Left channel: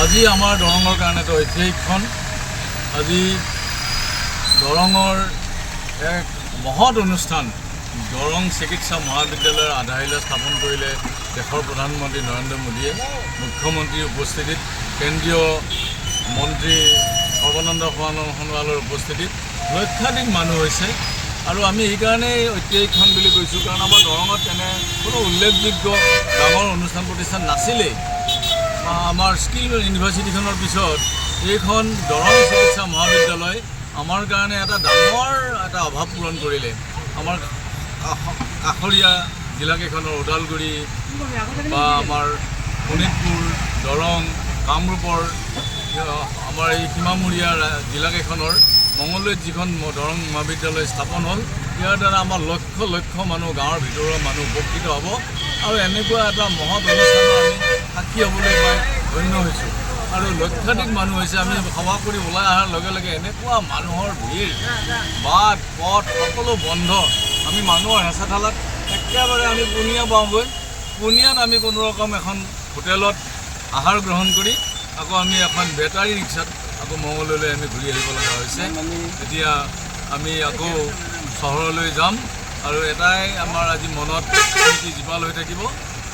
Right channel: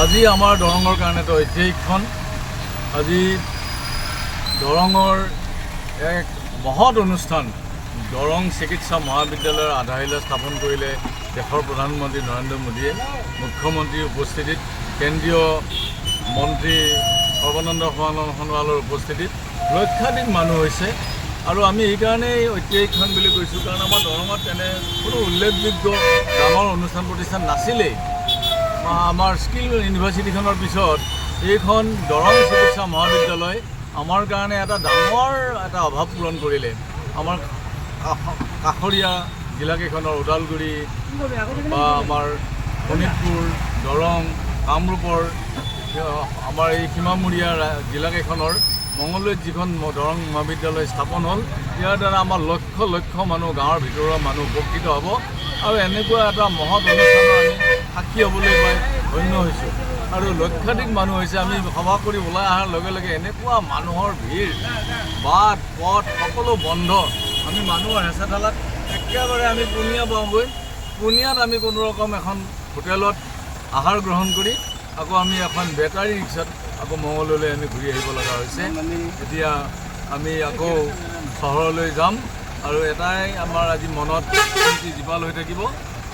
আজি আমাৰ দৰঙৰ কাৰণেতো ঐতিহাসিকখন আজি দৰঙৰ এক মহৎ অনুষ্ঠান দৰং চিকিৎসা মহাবিদ্যালয়ৰ আধাৰশিলা স্থাপন কৰিলে দেশৰ প্ৰধানমন্ত্ৰী নৰেন্দ্ৰ মোদীয়ে মুখ্যমন্ত্ৰীৰ উপস্থিতিত কেন্দ্ৰীয় মন্ত্ৰী সৰ্বানন্দ সোণোৱালৰ উপস্থিতিত লক্ষাধিক মানুহ হৈছে আৰু আমি এইকাৰণেই ঐতিহাসিকখন বুলি কৈছোঁ কাৰণ আমাৰ দৰঙত এনে কোনো উল্লেখযোগ্য ডাঙৰ অনুষ্ঠান প্ৰতিষ্ঠান নাছিলেই। আমাৰ স্কিল ইউনিভাৰ্চিটিখনৰ পিছত এইখন দৰং চিকিৎসা মহাবিদ্যালয় আমাৰ কাৰণে এটা ডাঙৰ এটা অভাৱ পূৰণ কৰিলে। আমাৰ কাষৰীয়া জিলাকেইখনৰ ওদালগুৰি বা আমাৰ শোণিতপুৰ দৰং কামৰূপৰ আমাৰ এই সীমামূৰীয়া জিলাকেইখনৰ মঙলদৈত যিখন দৰং মহাবিদ্যালয় স্থাপন হ'ল ইয়াৰ দ্বাৰা আমাৰ লক্ষ লক্ষ মানুহ গাঁৱৰ ভিতৰৰ মানুহ উপকৃত হ'ব আৰু এনেকুৱা এটা মহৎ অনুষ্ঠানৰ আমি সাক্ষী হ'বলৈ পাই ধন্য হৈছোঁ আৰু লক্ষাধিক মানুহ হৈছে। আমি সভা কৰি ওলাই অহাৰ লগে লগে এনেকুৱা মানুহৰ ভিৰ বাট পথ সকলো বন্ধ। আমি মানুহৰ হেঁচা ঠেলাত একেবাৰে আমি পুনিয়া পাওঁগৈ। পুনিয়াত আমি কোনো ৰকম এখন হোটেলত আহাৰ গ্ৰহণ কৰি আকৌ আমি এখন বেটাৰী ৰিক্সাত আকৌ মঙলদৈলৈ আমি ঘূৰি আহিব লগা হৈছে। এতিয়া আমি আকৌ চহৰলৈ যাম আৰু এটাই আমাৰ আজি মনত স্মৃতি জীপাল হৈ থাকিব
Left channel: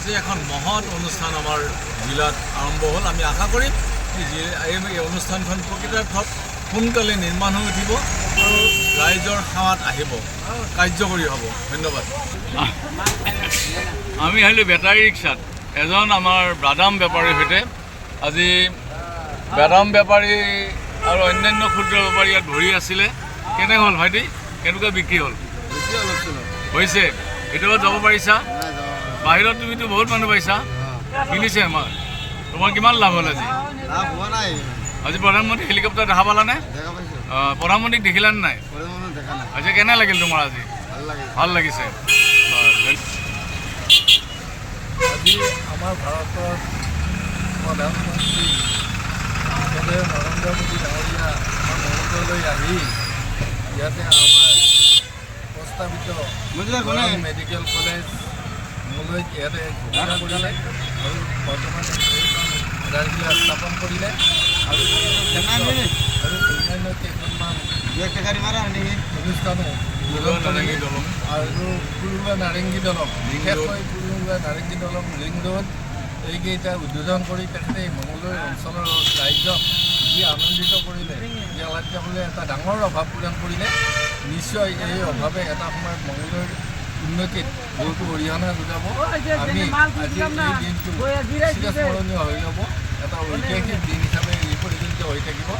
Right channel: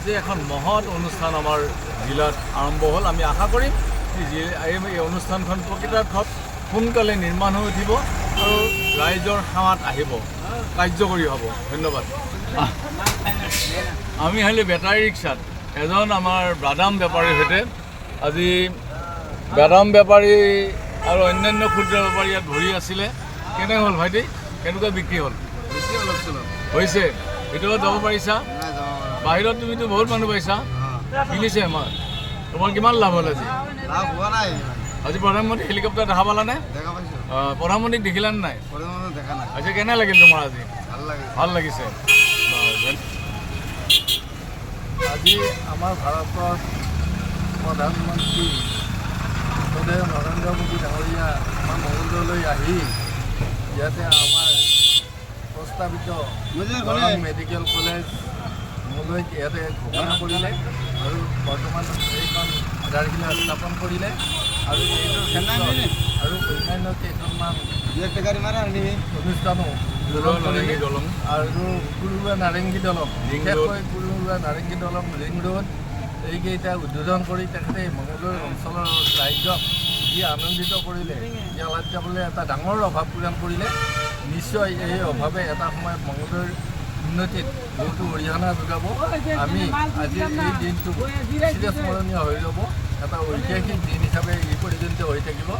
যে এখন মহৎ অনুষ্ঠান আমাৰ জিলাত আৰম্ভ হ'ল। আমি আশা কৰিম যে এই অনুষ্ঠানখন প্ৰকৃতাৰ্থত সোনকালে নিৰ্মাণ হৈ উঠিব আৰু ৰাইজৰ সেৱাত আহিব, কাৰ্যকৰী হ'ব। ধন্যবাদ। আমি আহিলোঁ বেটাৰী ৰিক্সাত এজন আমাৰ বাদাম বেপাৰীৰ সৈতে। আজি বাদাম বেপাৰী আৰু অন্যান্য ক্ষুদ্ৰ বেপাৰী ইয়াত ভৰি আছিলে। কেনে হ'ল ভাইটি, কেনেকুৱা বিক্ৰী হ'ল? হৈছে ভিতৰত যাব পাৰিছা? বাহিৰত তুমিতো বহুত মানুহ পাইছা, কিনিছে আমাৰ। তোমাৰ কিমান লাভ হ'ল আজি? আজি প্ৰধানমন্ত্ৰী হেলিকপ্টাৰ দেখা পালানে? প্ৰধানমন্ত্ৰীক দেখিলানে নাই? আজি কেনে লাগিল তোমাৰ? আজি ভাল লাগিছে। আজি আমাৰ ভাৰতৰ প্ৰধানমন্ত্ৰী নৰেন্দ্ৰ মোদী ডাঙৰীয়া আমাৰ মঙলদৈলৈ আহি ইয়াতে আমাৰ প্ৰস্তাৱিত দৰং মেডিকেল কলেজ মঙলদৈত ইয়াতে ঘোষণা কৰিলে আৰু বৰ্তমান এইখন আধাৰশিলা স্থাপন কৰিলে আৰু আৰু অন্যান্য কেইখনমান অনুষ্ঠানো উদ্বোধন কৰিলে আৰু কুৰুৱা নাৰেংগী দলং, বিশেষকৈ কুৰুৱা নাৰেংগী দলং ৰিং ৰোড এইকেইটা উদ্বোধন কৰি তেখেতে মঙলদৈ অঞ্চলৰ ৰাইজক যি আনন্দিত কৰিলে, যে যাবলৈ এটা ডাঙৰ অভাৱ পূৰণ কৰিলে। নিশ্চয় এই অভাৱে এটা সময়ত মঙলদৈৰ উন্নতিত বহুতো অৰিহণা যোগাব। আমি আজি এই দিনটো চিৰস্মৰণীয় হৈ ৰ'ব, এটা ঐতিহাসিক দিন হিচাপে এই পৰিগণিত হৈ থাকিব।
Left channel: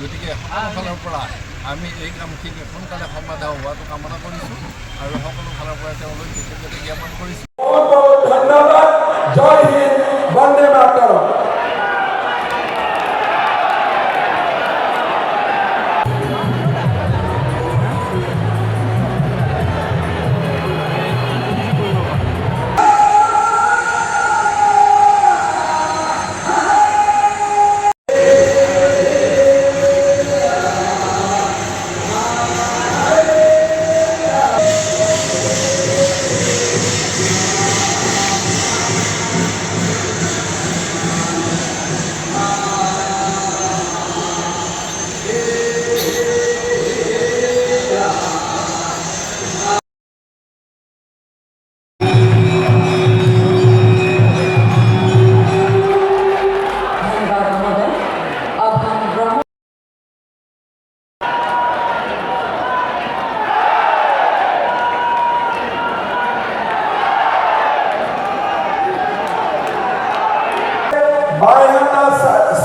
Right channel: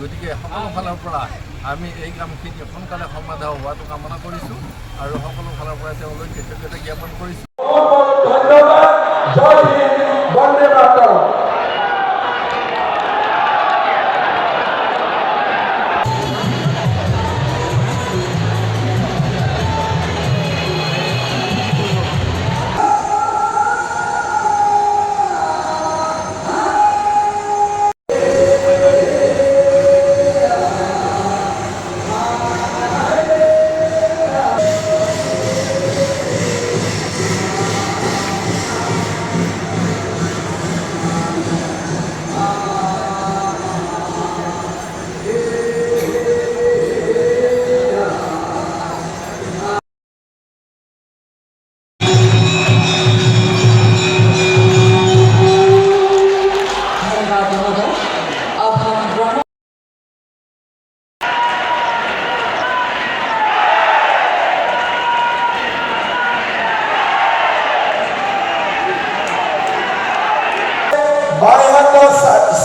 গতিকে সকলো ফালৰ পৰা আমি এই কামখিনি সোনকালে সমাধা হোৱাটো কামনা কৰিছোঁ আৰু সকলো ফালৰ পৰা তেওঁলোক কৃতজ্ঞতা জ্ঞাপন কৰিছোঁ। ধন্যবাদ। জয় হিন্দ, বন্দে মাতৰম।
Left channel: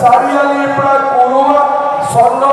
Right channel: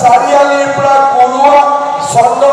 চাৰিআলিৰ পৰা কৰোৱা চন্দ্ৰ